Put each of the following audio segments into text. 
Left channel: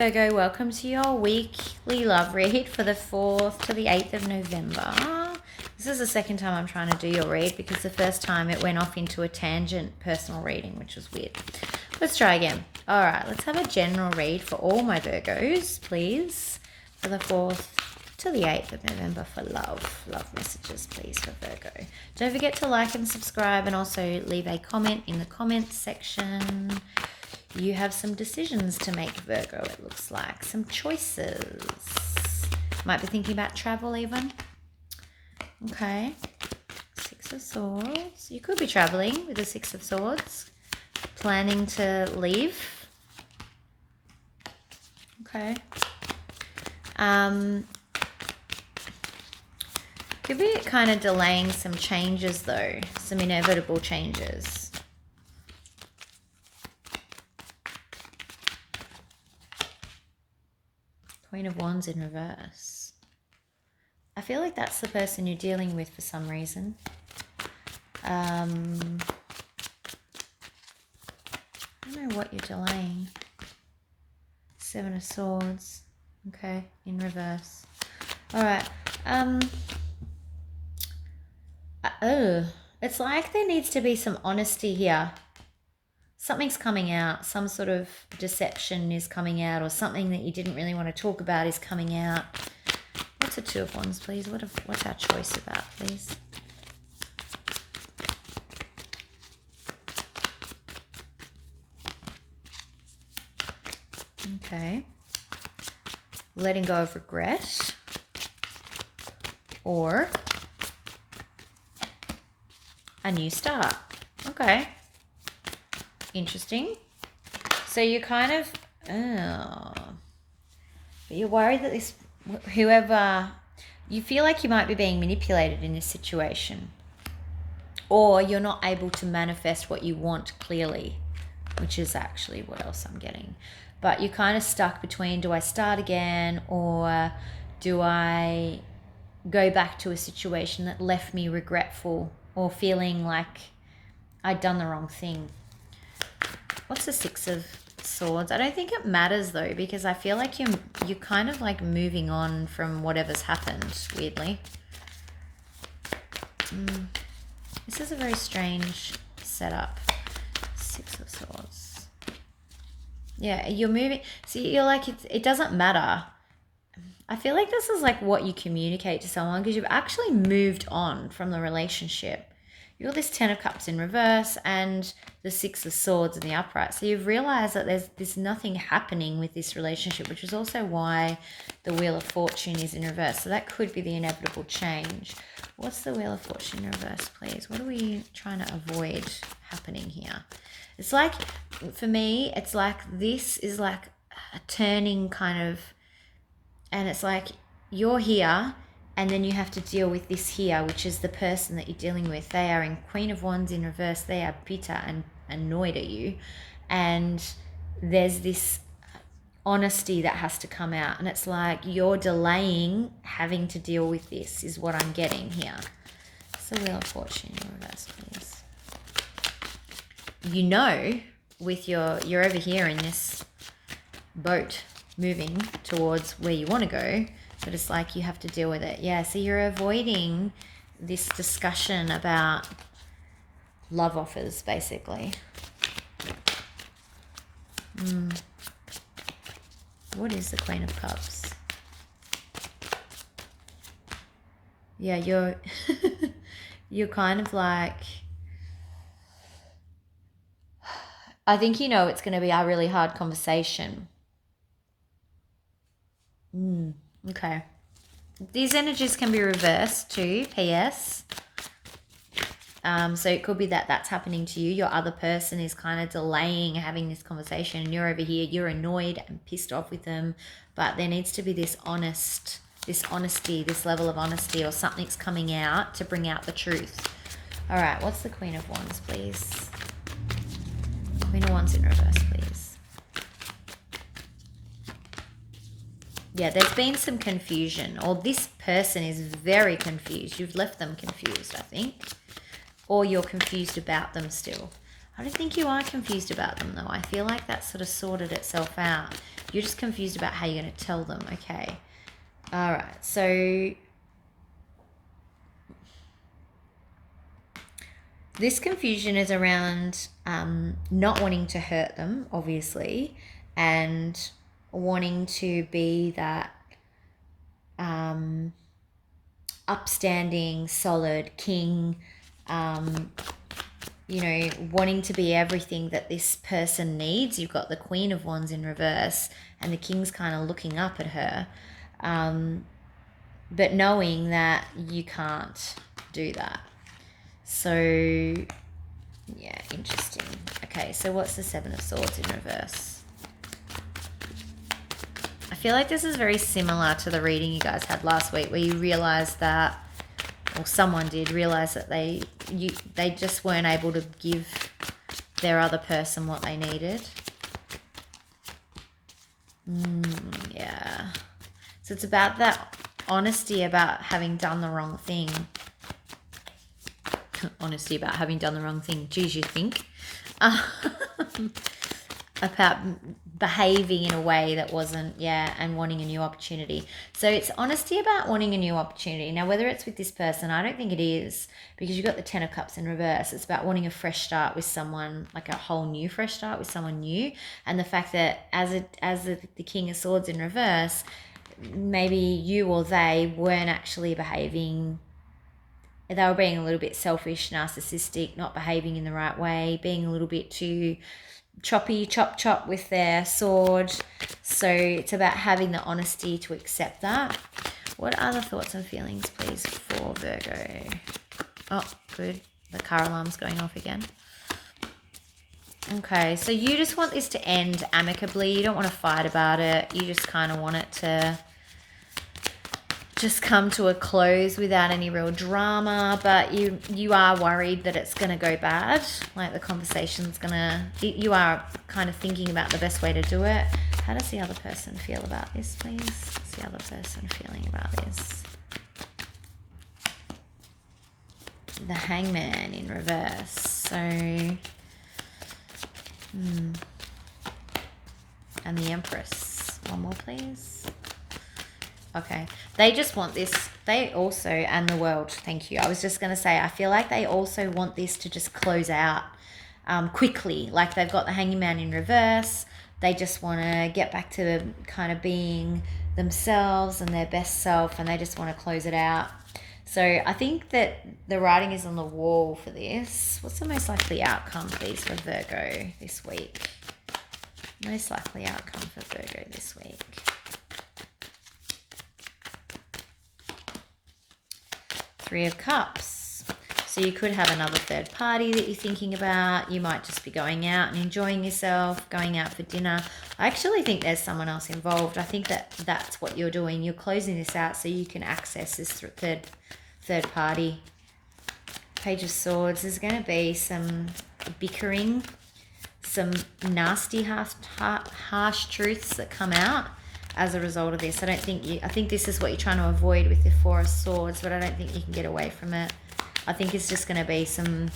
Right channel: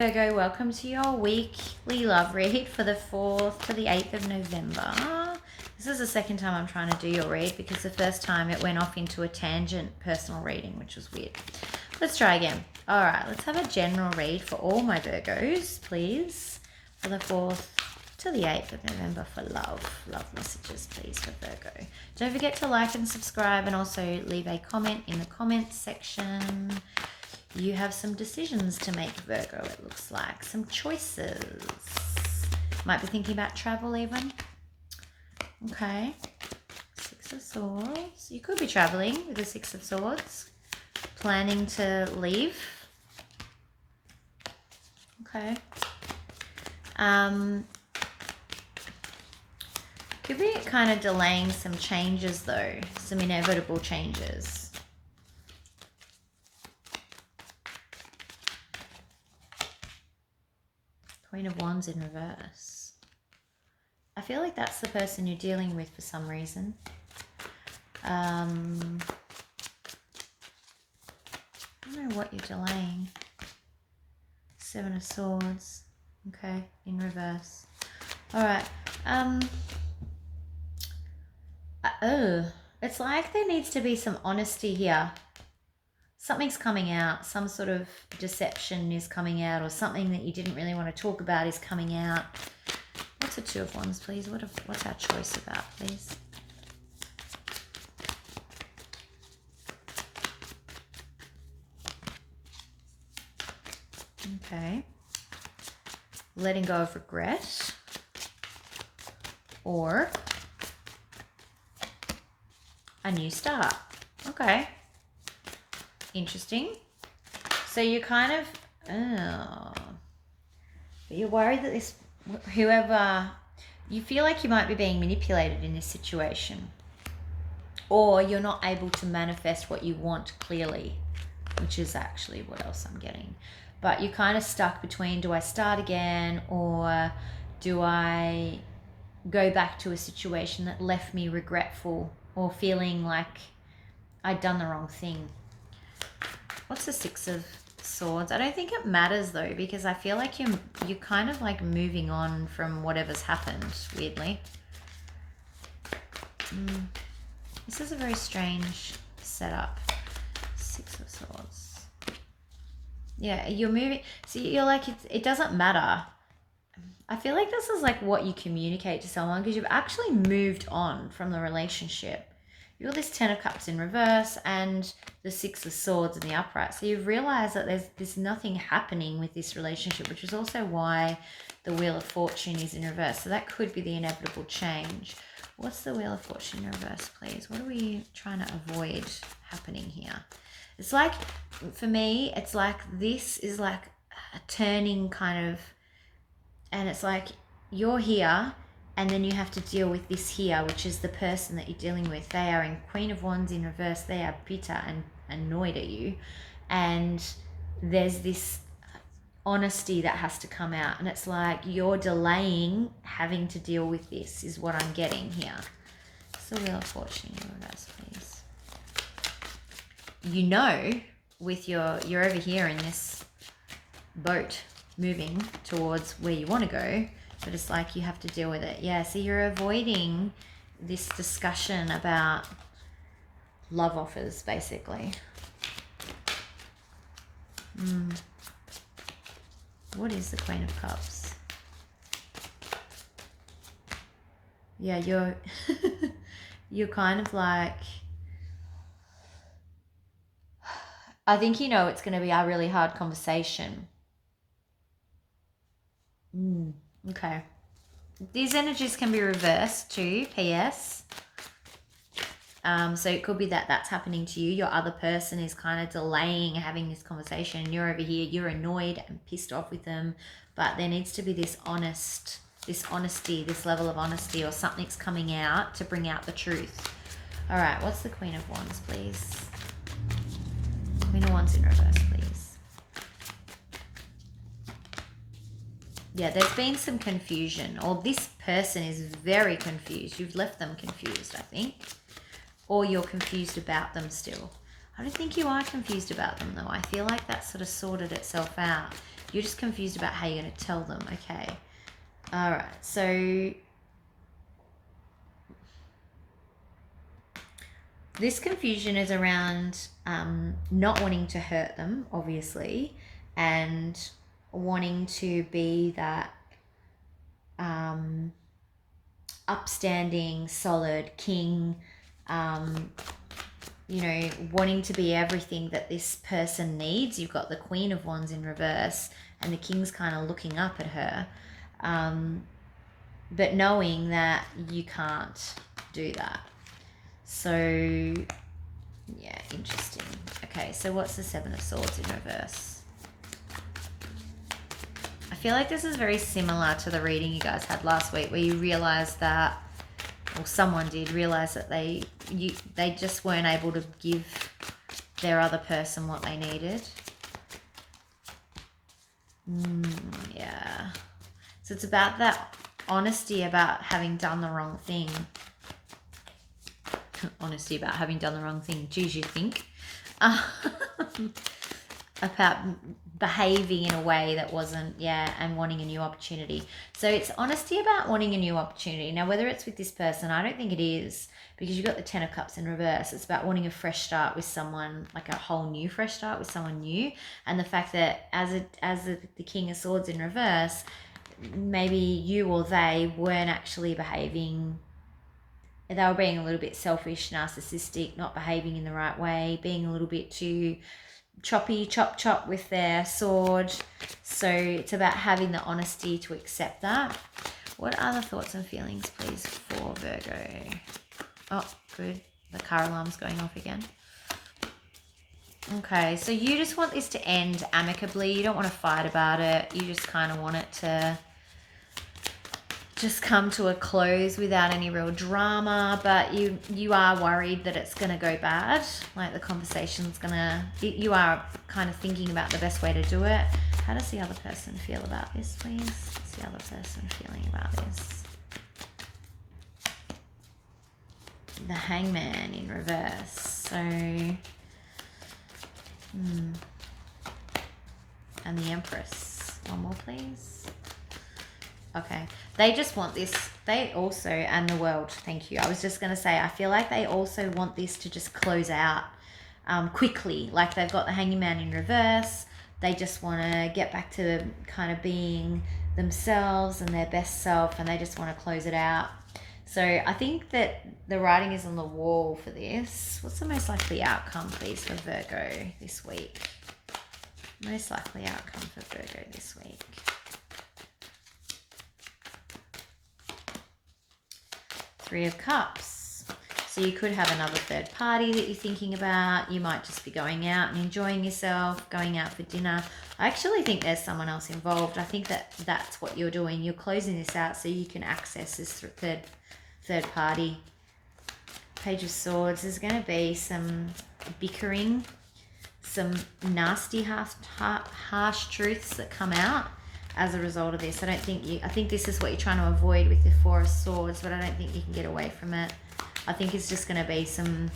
Virgo, welcome to your weekly love read for the 4th to the 8th of November. This is the second time I'm trying to do your read because the first time it went off into a tangent personal reading, which was weird. Let's try again. All right, let's have a general read for all my Virgos, please, for the 4th to the 8th of November for love. Love messages, please, for Virgo. Don't forget to like and subscribe and also leave a comment in the comments section. You have some decisions to make, Virgo, it looks like. Some choices. Might be thinking about travel even. Okay. Six of Swords. You could be traveling with the Six of Swords. Planning to leave. Okay. Could be kind of delaying some changes though. Some inevitable changes. Queen of Wands in reverse. I feel like that's the person you're dealing with for some reason. I don't know what you're delaying. Seven of Swords. Okay, in reverse. Alright. It's like there needs to be some honesty here. Something's coming out, some sort of deception is coming out, or something that you didn't really want to talk about is coming out. What's a Two of Wands, please? What's our choice about, please? Okay. Letting go of regret. Or a new start. Okay. Interesting. So you kind of, you're worried that this, whoever, you feel like you might be being manipulated in this situation, or you're not able to manifest what you want clearly, which is actually what else I'm getting. But you're kind of stuck between, do I start again, or do I go back to a situation that left me regretful or feeling like I'd done the wrong thing. What's the Six of Swords? I don't think it matters though, because I feel like you're kind of like moving on from whatever's happened, weirdly. This is a very strange setup. Six of Swords. Yeah, you're moving. See, you're like, it doesn't matter. I feel like this is like what you communicate to someone because you've actually moved on from the relationship. You're this Ten of Cups in reverse and the Six of Swords in the upright. So you've realized that there's nothing happening with this relationship, which is also why the Wheel of Fortune is in reverse. So that could be the inevitable change. What's the Wheel of Fortune in reverse, please? What are we trying to avoid happening here? It's like, for me, it's like this is like a turning kind of, and it's like you're here and then you have to deal with this here, which is the person that you're dealing with. They are in Queen of Wands in reverse. They are bitter and annoyed at you. And there's this honesty that has to come out. And it's like you're delaying having to deal with this is what I'm getting here. So Wheel of Fortune in reverse, please. You know, with you're over here in this boat moving towards where you want to go, but it's like you have to deal with it. Yeah, so you're avoiding this discussion about love offers, basically. What is the Queen of Cups? Yeah, you're you're kind of like, I think you know it's going to be a really hard conversation. Okay. These energies can be reversed too, PS. So it could be that that's happening to you. Your other person is kind of delaying having this conversation and you're over here, you're annoyed and pissed off with them, but there needs to be this honesty, this level of honesty, or something's coming out to bring out the truth. All right, what's the Queen of Wands, please? Queen of Wands in reverse, please. Yeah, there's been some confusion, or this person is very confused. You've left them confused, I think. Or you're confused about them still. I don't think you are confused about them though. I feel like that sort of sorted itself out. You're just confused about how you're going to tell them. Okay. All right. So this confusion is around not wanting to hurt them, obviously, and wanting to be that upstanding, solid king, you know, wanting to be everything that this person needs. You've got the Queen of Wands in reverse and the King's kind of looking up at her, but knowing that you can't do that. So, yeah, interesting. Okay, so what's the Seven of Swords in reverse? I feel like this is very similar to the reading you guys had last week where you realized that, or someone did realize that they just weren't able to give their other person what they needed. Yeah. So it's about that honesty about having done the wrong thing. Honesty about having done the wrong thing. Geez, you think? About behaving in a way that wasn't, and wanting a new opportunity. So it's honesty about wanting a new opportunity. Now, whether it's with this person, I don't think it is, because you've got the Ten of Cups in reverse. It's about wanting a fresh start with someone, like a whole new fresh start with someone new. And the fact that as the King of Swords in reverse, maybe you or they weren't actually behaving. They were being a little bit selfish, narcissistic, not behaving in the right way, being a little bit too choppy, chop with their sword. So it's about having the honesty to accept that. What other thoughts and feelings, please, for Virgo? Oh, good. The car alarm's going off again. Okay, so you just want this to end amicably. You don't want to fight about it. You just kind of want it to just come to a close without any real drama, but you are worried that it's going to go bad, like the conversation's going to, you are kind of thinking about the best way to do it. How does the other person feel about this, please? What's the other person feeling about this? The Hangman in reverse. So, and the Empress. One more, please. Okay, they just want this. They also, and the World, thank you. I was just going to say, I feel like they also want this to just close out quickly. Like they've got the Hanging Man in reverse. They just want to get back to kind of being themselves and their best self, and they just want to close it out. So I think that the writing is on the wall for this. What's the most likely outcome, please, for Virgo this week? Most likely outcome for Virgo this week. Three of Cups. So you could have another third party that you're thinking about. You might just be going out and enjoying yourself, going out for dinner. I actually think there's someone else involved. I think that that's what you're doing. You're closing this out so you can access this third party. Page of Swords. There's going to be some bickering, some nasty, harsh truths that come out as a result of this. I think this is what you're trying to avoid with the Four of Swords, but I don't think you can get away from it. I think it's just going to be some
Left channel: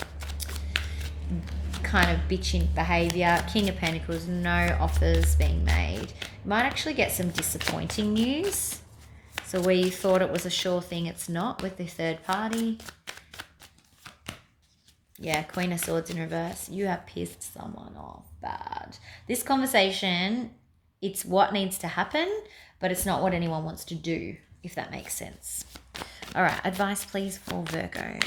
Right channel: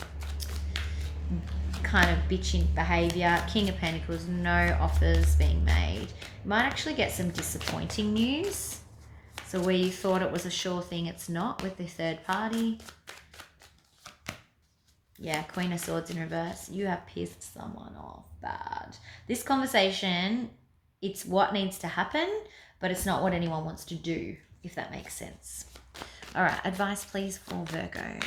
kind of bitching behavior. King of Pentacles, no offers being made. You might actually get some disappointing news. So where you thought it was a sure thing, it's not with the third party. Yeah, Queen of Swords in reverse. You have pissed someone off bad. This conversation, it's what needs to happen, but it's not what anyone wants to do, if that makes sense. All right, advice, please, for Virgo.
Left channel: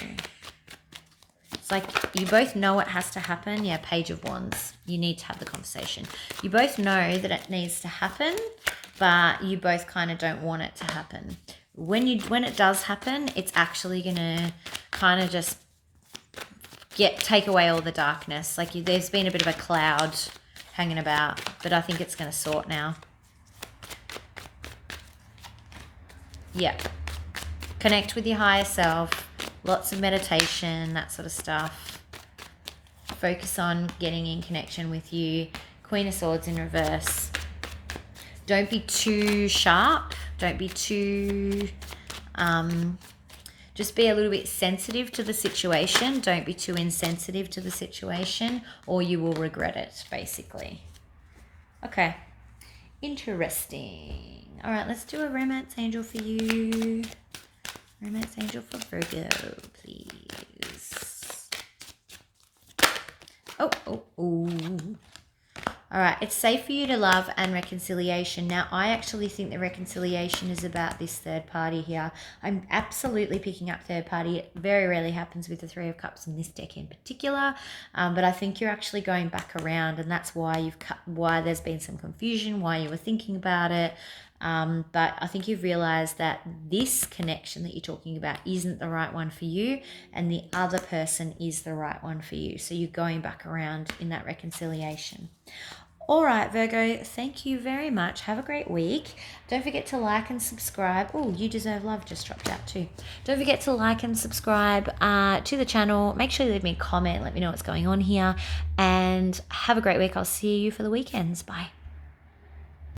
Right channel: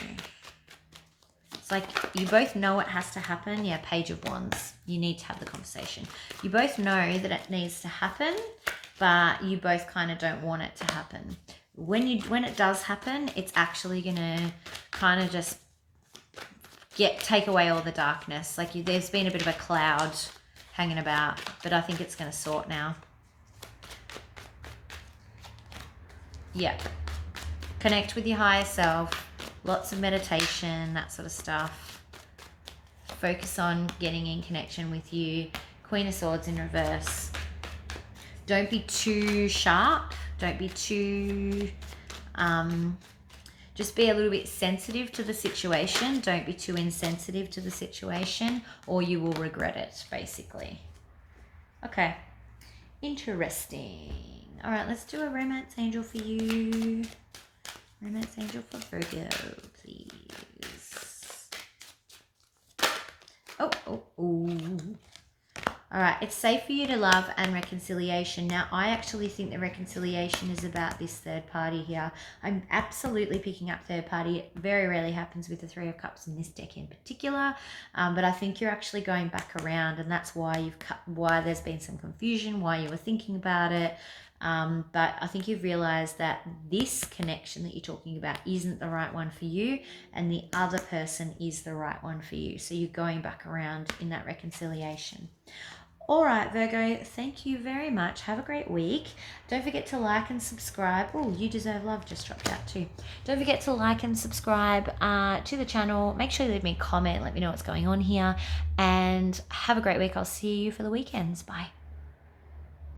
It's like you both know it has to happen. Yeah, Page of Wands. You need to have the conversation. You both know that it needs to happen, but you both kind of don't want it to happen. When it does happen, it's actually going to kind of just take away all the darkness. Like there's been a bit of a cloud hanging about, but I think it's going to sort now. Yeah. Connect with your higher self. Lots of meditation, that sort of stuff. Focus on getting in connection with you. Queen of Swords in reverse. Don't be too sharp. Don't be too... just be a little bit sensitive to the situation. Don't be too insensitive to the situation, or you will regret it, basically. Okay. Interesting. All right, let's do a romance angel for you. Romance angel for Virgo, please. Oh. All right, it's safe for you to love and reconciliation. Now, I actually think the reconciliation is about this third party here. I'm absolutely picking up third party. It very rarely happens with the Three of Cups in this deck in particular, but I think you're actually going back around, and that's why why there's been some confusion, why you were thinking about it. But I think you've realized that this connection that you're talking about isn't the right one for you, and the other person is the right one for you. So you're going back around in that reconciliation. All right, Virgo, thank you very much. Have a great week. Don't forget to like and subscribe. Oh, you deserve love. Just dropped that too. Don't forget to like and subscribe to the channel. Make sure you leave me a comment. Let me know what's going on here. And have a great week. I'll see you for the weekends. Bye.